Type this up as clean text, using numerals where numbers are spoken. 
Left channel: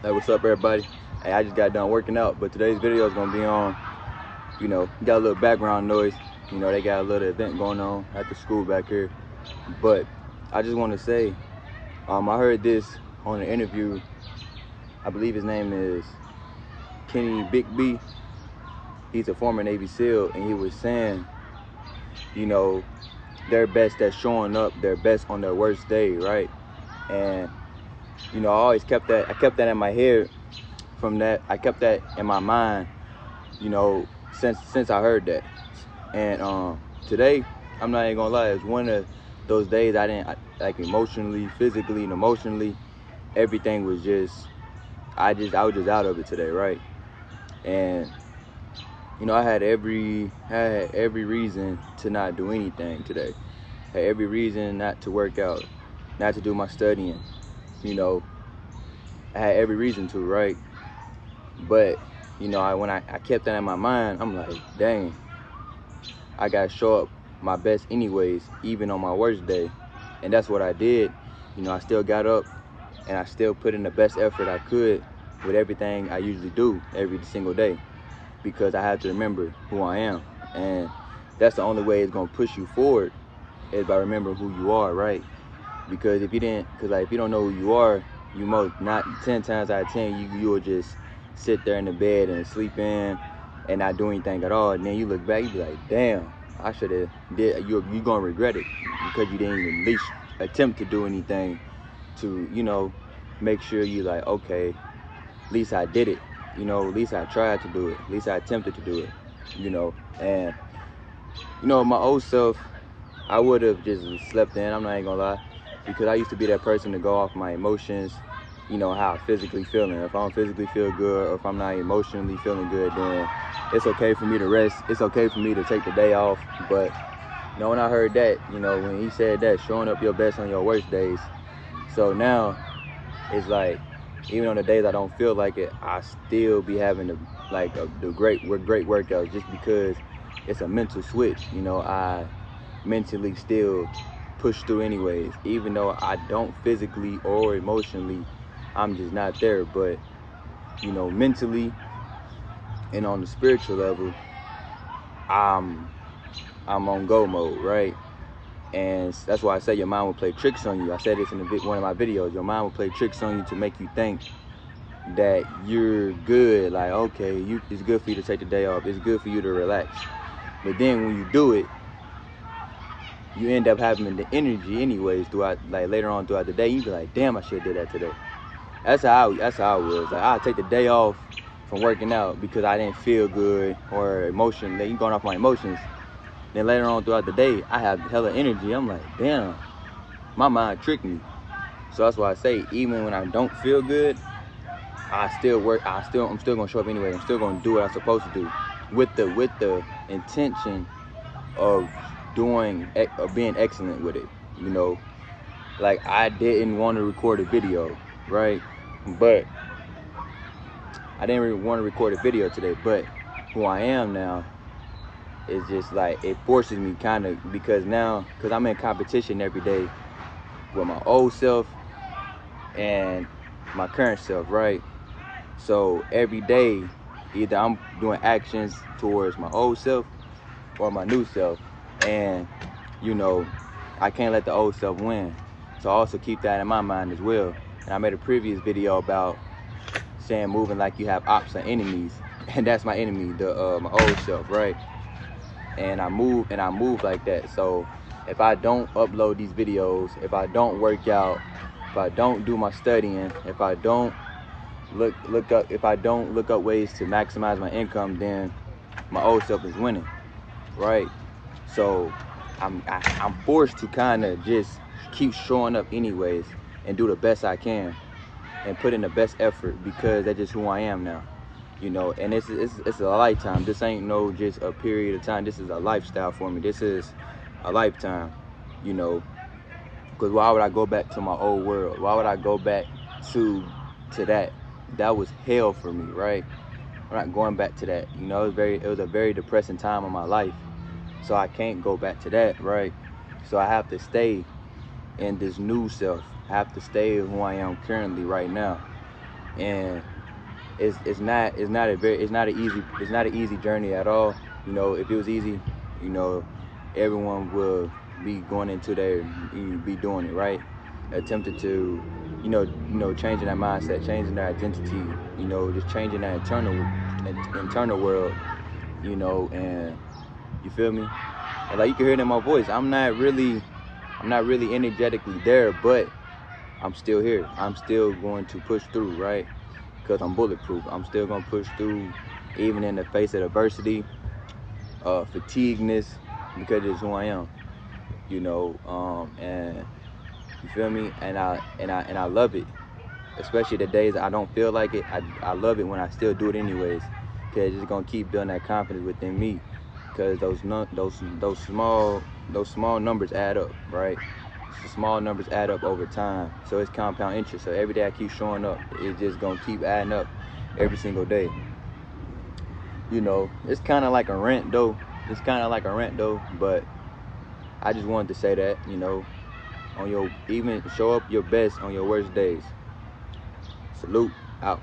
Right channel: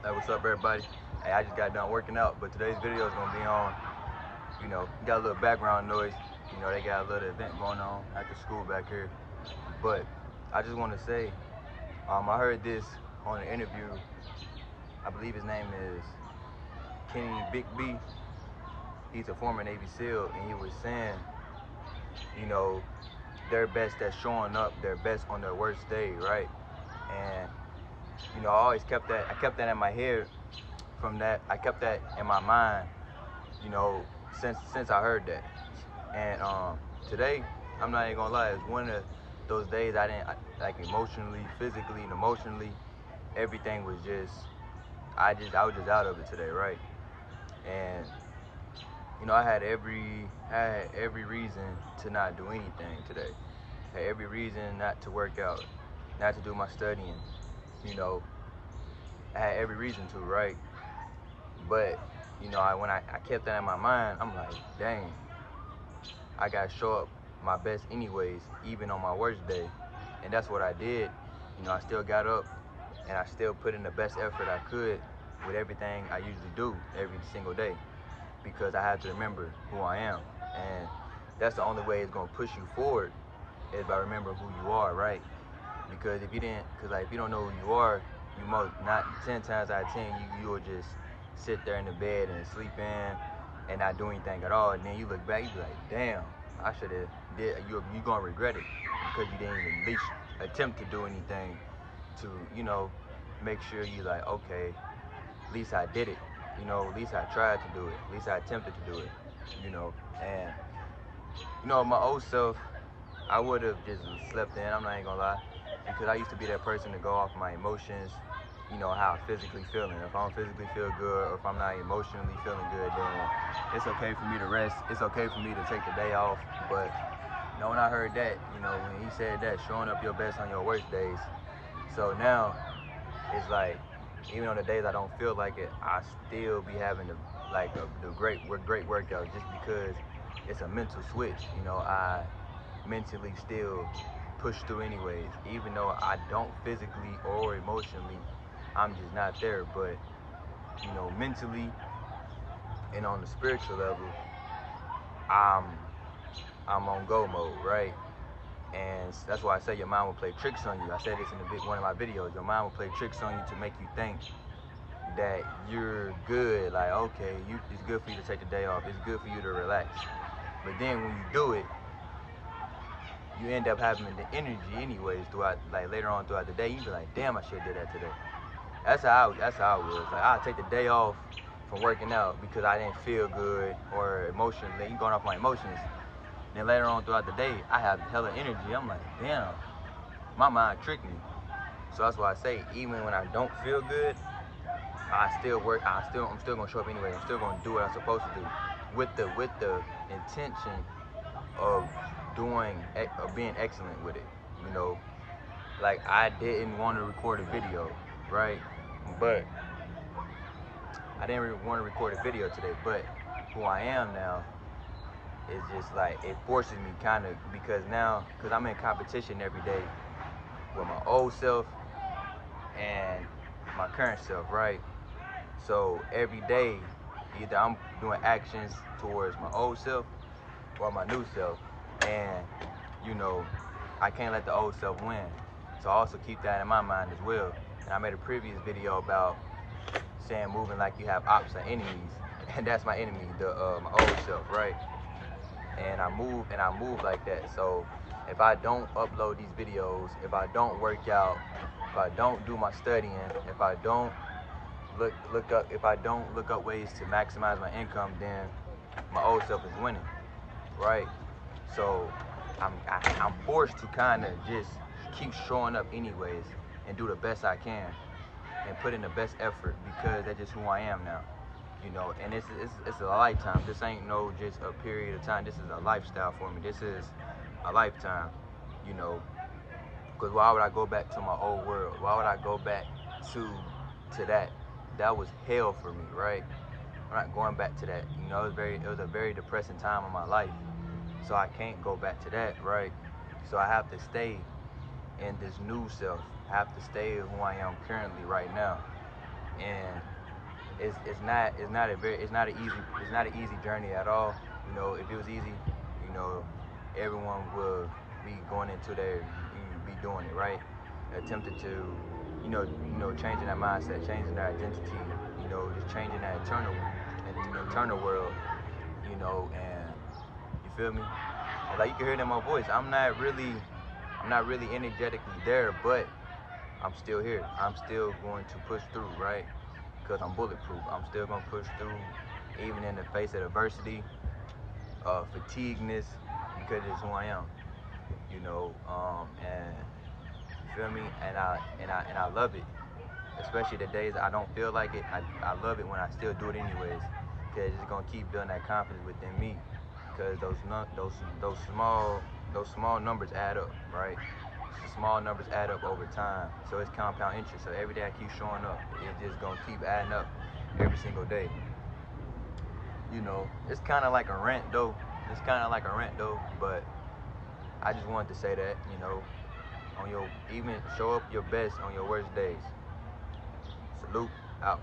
Hey, what's up, everybody? Hey, I just got done working out, but today's video is gonna be on, got a little background noise. They got a little event going on at the school back here. But I just want to say, I heard this on an interview. I believe his name is Kenny Bigby. He's a former Navy SEAL, and he was saying, you know, their best that's showing up, their best on their worst day, right? And I always kept that. I kept that in my head. From that, I kept that in my mind, you know, since I heard that. And today, I'm not even gonna lie, it's one of those days like emotionally, physically, and emotionally, everything was just, I was just out of it today, right? And I had every reason to not do anything today. I had every reason not to work out, not to do my studying. You know, I had every reason to, right? But when I kept that in my mind, I'm like, dang, I gotta show up my best anyways, even on my worst day. And that's what I did. I still got up and I still put in the best effort I could with everything I usually do every single day, because I have to remember who I am. And that's the only way it's gonna push you forward, is by remembering who you are, right? Because if you don't know who you are, you most not 10 times out of 10 you'll just sit there in the bed and sleep in and not do anything at all. And then you look back, you be like, damn, I should have did. You're gonna regret it because you didn't even at least attempt to do anything to make sure you like, okay, at least I did it. At least I tried to do it. At least I attempted to do it. And my old self, I would have just slept in. I'm not even gonna lie, because I used to be that person to go off my emotions. How I physically feeling. If I don't physically feel good, or if I'm not emotionally feeling good, then it's okay for me to rest. It's okay for me to take the day off. But when I heard that, when he said that, showing up your best on your worst days. So now it's like, even on the days I don't feel like it, I still be having the great workouts, just because it's a mental switch. I mentally still push through anyways, even though I don't physically or emotionally, I'm just not there. But mentally and on the spiritual level, I'm on go mode, right? And that's why I say your mind will play tricks on you. I said this in one of my videos. Your mind will play tricks on you to make you think that you're good. Like, okay, it's good for you to take the day off. It's good for you to relax. But then when you do it, you end up having the energy anyways throughout, like later on throughout the day. You be like, damn, I should have did that today. That's how I was. Like, I'll take the day off from working out because I didn't feel good or emotionally, going off my emotions. Then later on throughout the day, I have hella energy. I'm like, damn, my mind tricked me. So that's why I say, even when I don't feel good, I still work. I'm still gonna show up anyway. I'm still gonna do what I'm supposed to do, with the intention of being excellent with it. Like, I didn't want to record a video, right? But I didn't really want to record a video today. But who I am now is just like, it forces me kind of, because I'm in competition every day with my old self and my current self, right? So every day, either I'm doing actions towards my old self or my new self. And, I can't let the old self win. So I also keep that in my mind as well. And I made a previous video about saying moving like you have ops or enemies. And that's my enemy, my old self, right? And I move like that. So if I don't upload these videos, if I don't work out, if I don't do my studying, if I don't if I don't look up ways to maximize my income, then my old self is winning, right? So I'm forced to kind of just keep showing up anyways and do the best I can and put in the best effort, because that's just who I am now. And it's a lifetime. This ain't no just a period of time. This is a lifestyle for me. This is a lifetime, you know, because why would I go back to my old world? Why would I go back to that? That was hell for me, right? I'm not going back to that. It was a very depressing time in my life. So I can't go back to that, right? So I have to stay in this new self. I have to stay who I am currently right now. and it's not an easy journey at all. You know, if it was easy, you know, everyone will be going into there, be doing it right, attempted to, changing that mindset, changing their identity, just changing that internal world, and you feel me? And like you can hear it in my voice, I'm not really energetically there, but I'm still here. I'm still going to push through, right? Because I'm bulletproof. I'm still gonna push through, even in the face of adversity, fatigueness, because it's who I am, and you feel me? And I love it, especially the days I don't feel like it. I love it when I still do it anyways, because it's gonna keep building that confidence within me. Because those small numbers add up, right? The small numbers add up over time, so it's compound interest. So every day I keep showing up, it's just gonna keep adding up every single day. It's kind of like a rent though. But I just wanted to say that, even show up your best on your worst days. Salute, out.